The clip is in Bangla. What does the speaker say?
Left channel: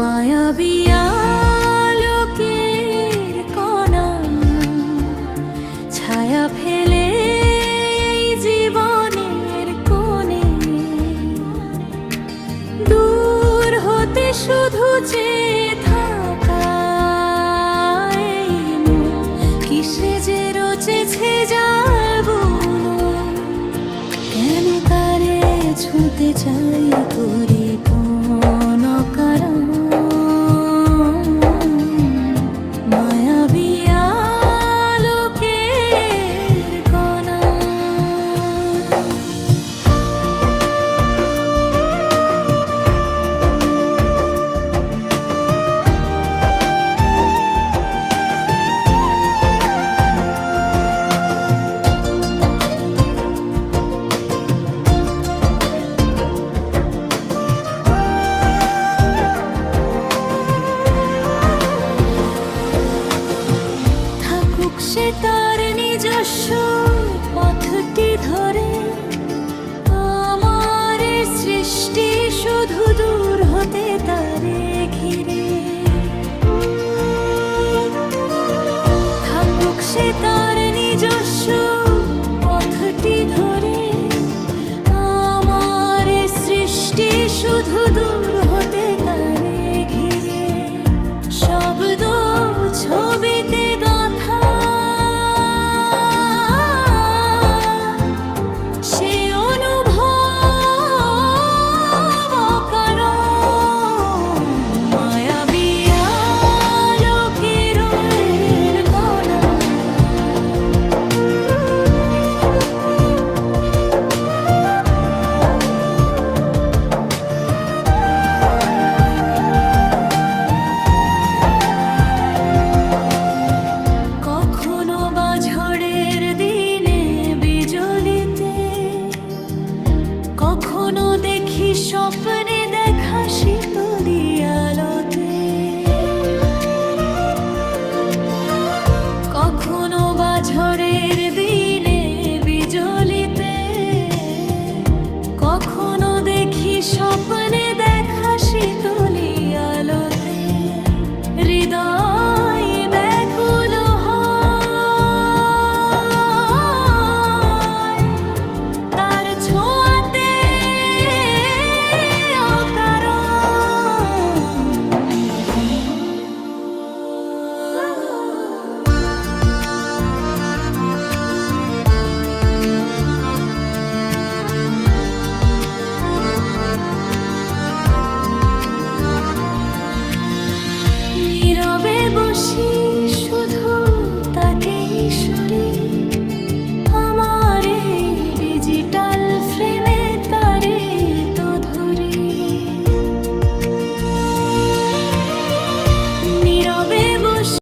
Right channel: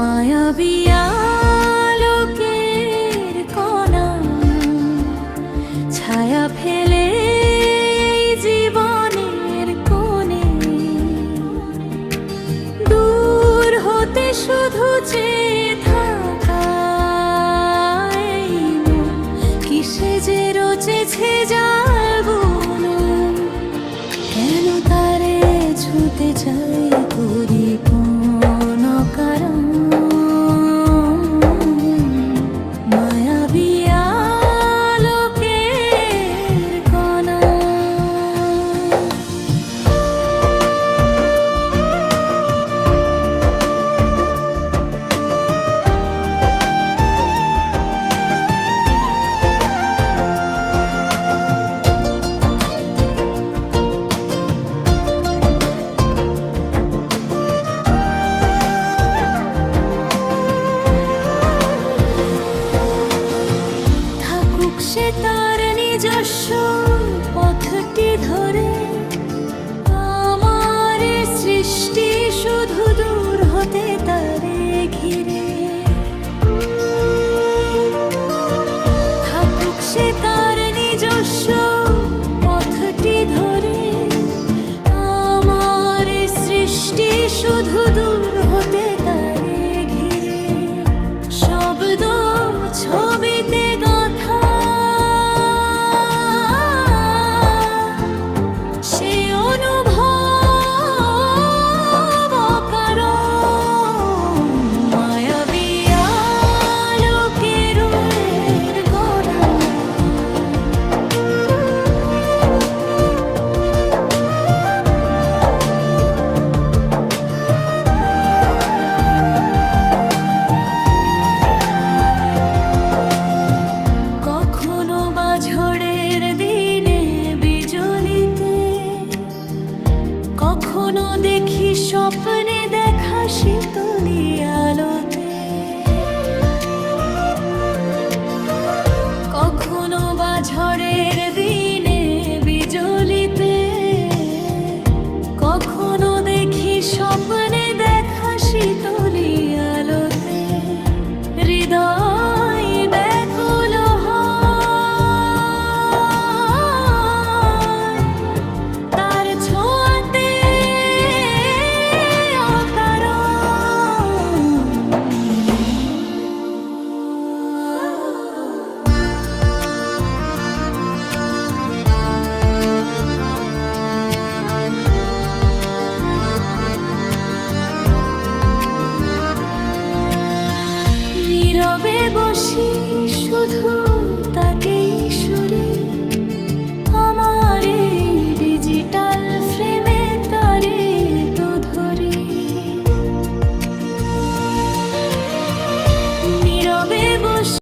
মায়াবী আলোকের ছায়া ফেলে জীবনের দূর হতে শুধু থাকা যে রচেছে কেন তারে ছুঁতে চাই পরিপূর্ণ? সে তার নিজস্ব পথটি ধরে। আমার সৃষ্টি শুধু দূর হতে তারে ঘিরে। থাকুক সে তার নিজস্ব পথটি ধরে। আমার সৃষ্টি শুধু দূর হতে তারে স্বপ্নে দেখা শীতলি আলোতে। কখনো বা ঝড়ের দিনে বিজলিতে। কখনো দেখি স্বপ্নে দেখা শীতলি আলোতে। হৃদয় ব্যাকুল তার ছোঁয়াতে বসি শুধু তাকেই শরীর আমার ডিজিটাল